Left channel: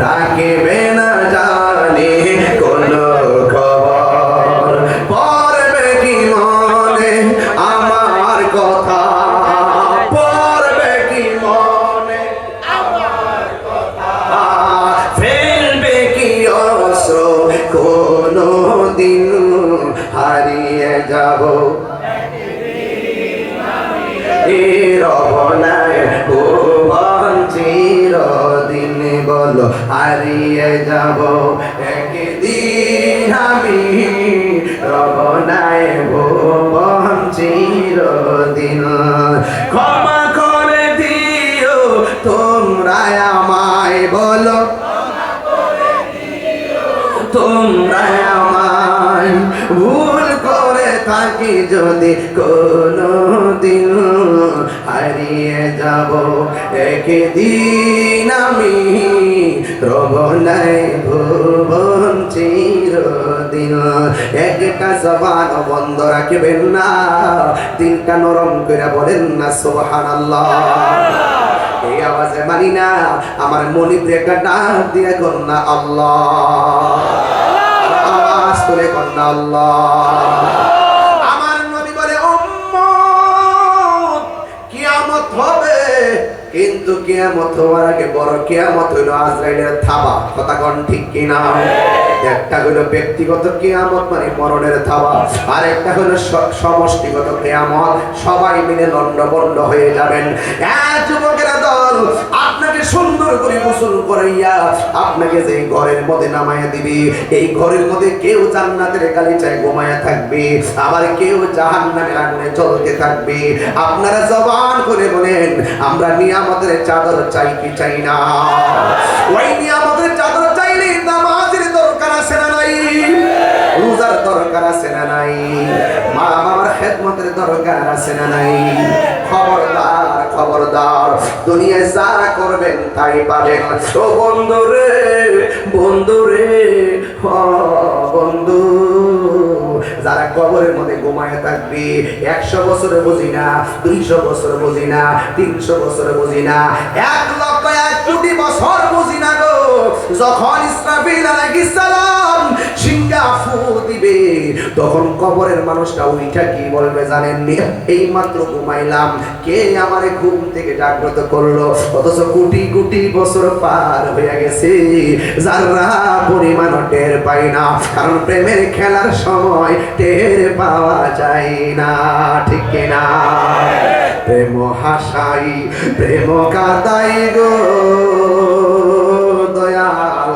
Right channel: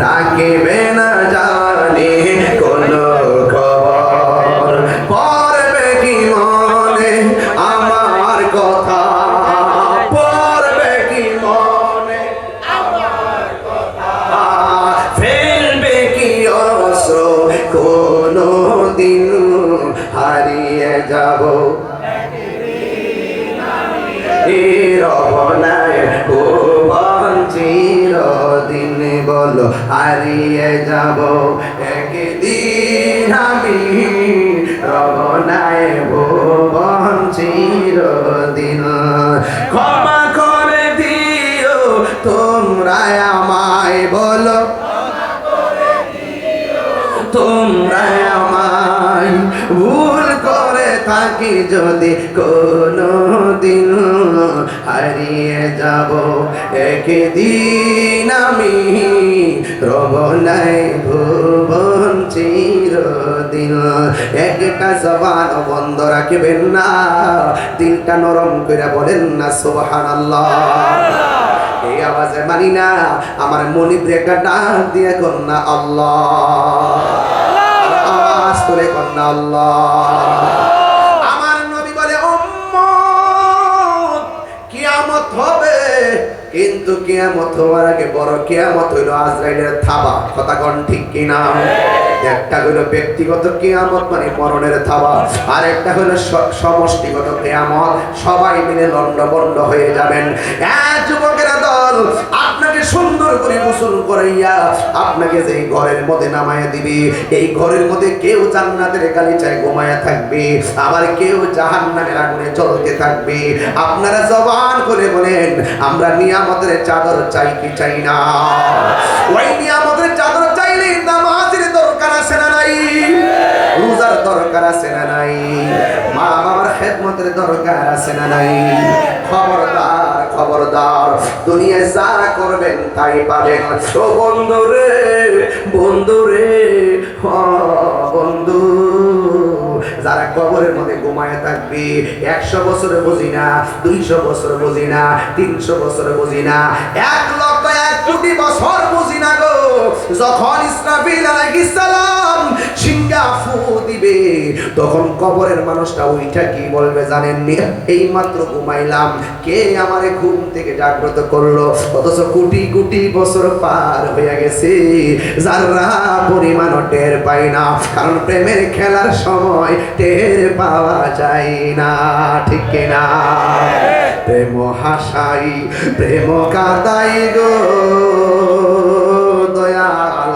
রাখবে না জানে কোনো খবর, পড়বে কি মনে আমার কথা, পড়বে কি মনে আমার কথা, ফেলবে কি অশ্রু কোনো দিন হারিয়ে যাব রবনায় ভুবন চিরদিন বলো হারিয়ে যাব একদিন আমি রবনায় ভুবন চিরদিন ক্ষমা করে দিও তোমরা আমায় বলো তোমরা আমায় ভুল করে থাকি যদি কোনো দিন হারিয়ে যাব একদিন আমি রবনায় ভুবন চিরদিন একটা জবান বন্ধ রাখবেন না দিলটা নরম করে বলেন না সুবহানাল্লাহ এই আওয়াজে মানি না আমার মনিব একটা ডাক দিয়ে কন্যা আল্লাহ আওয়াজ করে কন্যা আল্লাহ আমার নবী বলে উম্মত কিয়ামত হবে কিন্তু কিয়ামত হওয়ার আগে বড় কিয়ামত হইল আজরাইলের থাবা কথা কোন ঠিক কিনা একটা হলো ব্যক্তিগত কিয়ামত মানে মরণের থাবা আর একটা হলো সমষ্টিগত কিয়ামত সবাই মিলে লন্ডভন্ড হয়ে যাবেন এক যুবকেরা দল আপনাকে সুন্দর করে গোসল করাইয়া আপনাকে যে ঘরের মধ্যে নামাইয়া দিবে এই ঘরের মধ্যে কেউ জান্নাতের গালিচায় ঘুমায়া থাকবে আবার কেউ জাহান্নামের আগুনে জ্বলতে থাকবে আপনারা জবান করে বলেন আমরা নিয়ামতের চাদর চাই কি চাই না ওই নিয়ামতের চাদর চাইলে নামাজের দরকার আছে না নাই রোজার দরকার আছে না নাই মা বাবার খেদমতের দরকার আছে না নাই খবরদার খবরদার দুনিয়ায় যারা করবেন তাই পারেন ও বন্ধুরে বন্ধুরে বন্ধু যারা কবরের মধ্যে ঘুমায় থাকবে 100 বছরে বুঝি না 200 বছর বুঝি না 300 বছর বুঝি না 1 লক্ষ 1 কোটি বছর বুঝি না গো যখন ইসরাফিল আলাইহিস সালাম সিংহা ফু দিবে তখন কবরের মানুষটা উঠা কি বলবে জানেন নি এই মাত্র ঘুমাইলাম কে আমারে ঘুম থেকে জাগ্রত করলো অথচ কোটি কোটি বছর পার হয়ে গেছে যারা পরিমাণ টের পাই না কারণ প্রেমের খেলার সময় টের পাওয়া যায় না ঠিক কিনা প্রেম হাসাই প্রেম কাদাই গো দয়াল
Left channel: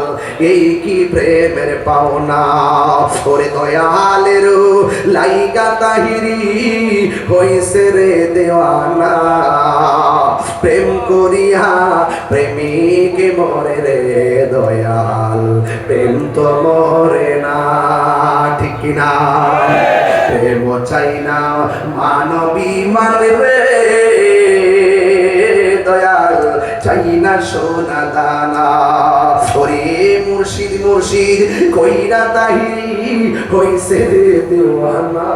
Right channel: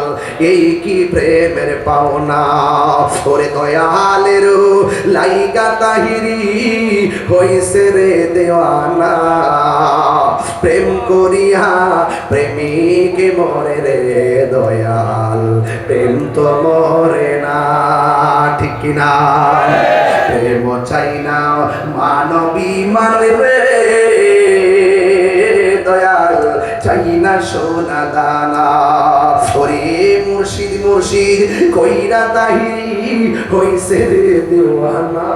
এই কি প্রেমের পাওনা ওরে দয়ালের লাইগা তাহিরি হইছে রে দেওয়ানা প্রেম করিয়া প্রেমিক মরে রে দয়াল প্রেম তো মরে না ঠিক কিনা প্রেম চাই না মানবী মানে রে দয়াল চাই না সোনা দানা ওরে মুর্শিদ মুর্শিদ কইরা তাহি হইছে রে দেওয়ানা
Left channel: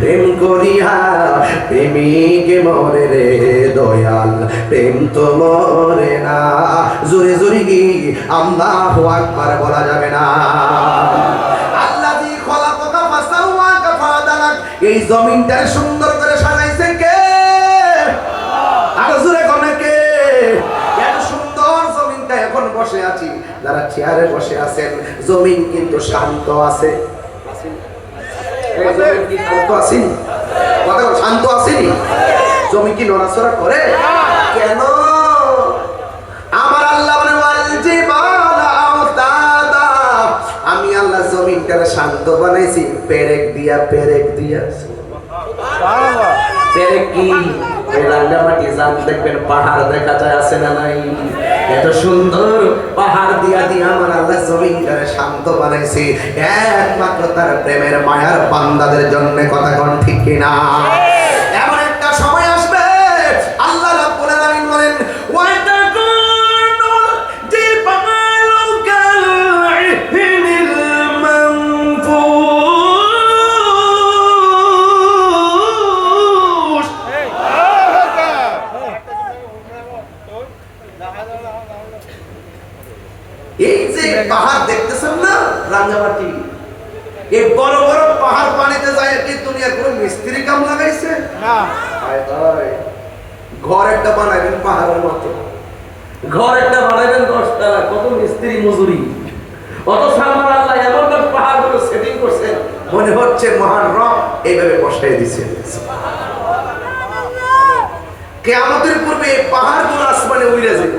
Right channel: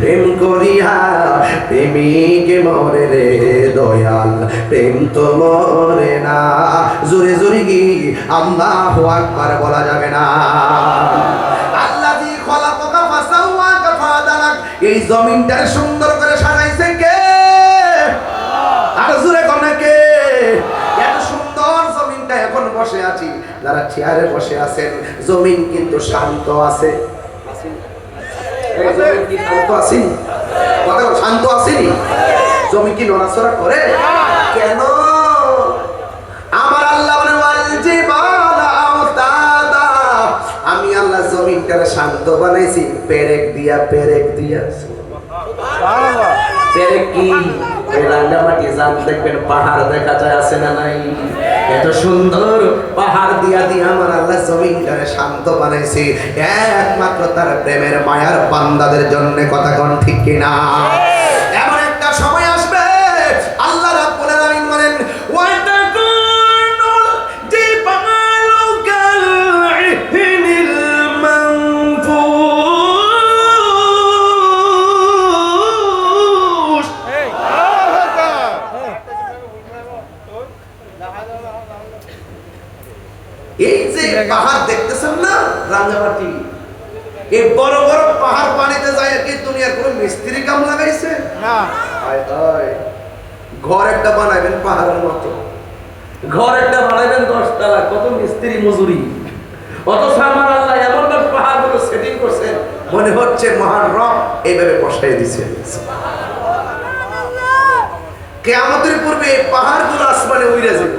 প্রেম করিয়া প্রেমিক মরে রে দয়াল প্রেম তো মরে না জোরে জোরে কি আল্লাহু আকবার বলা যাবে না আল্লাযী খলাকাকা ফাসাওয়াকা ফাদালাক এই জমিনটা সুন্দর করে সাজাইছে কে আর জোরে কোন কে এত সুন্দর জমিনটা এখন বসে আছি যারা চেয়ারে বসে আছেন জমিন কিন্তু শান্ত আছে শান্ত আসেনি জমি কি নড়াচড়া করে কেন আমার আল্লাহ আমি আল্লাহ জমিনটারে শান্ত বানাইছি পেরেক দিয়া পেরেক দিয়া পেরেক কি দেখবেন পাহাড় দেখা যায় আছে না নাই এত সুন্দর পাহাড় দিয়া দিয়ে আমার আল্লাহ জমিনটারে শান্ত বানাইছে একমাত্র তার প্রেমের মায়ার বান্দাদের জন্য কথা কোন ঠিক কিনা এমন একটা সময় আসবে আল্লাহ রাব্বুল আলামিন বলেন এই যে পাহাড় দেখতেছেন না রাঙ্গামাটি, এই বড় বড় পাহাড় পানিতে যায় কি দুনিয়ার কোন মিস্ত্রি কাম লাগাইছে না? ঘর একটা বানাবেন পাহাড়ের মতো, ঘর একটা বানাবেন 10 তলা, কত মিস্ত্রি মজুরি, কত সালমান আল্লাহ এমন পাহাড়গুলো সেটিং করছেন, মনে হচ্ছে মহান রব এইভাবে বসাই দিয়েছে। কিয়ামতের পূর্বে এই পাহাড়গুলো আসমানে উড়ে যাবে।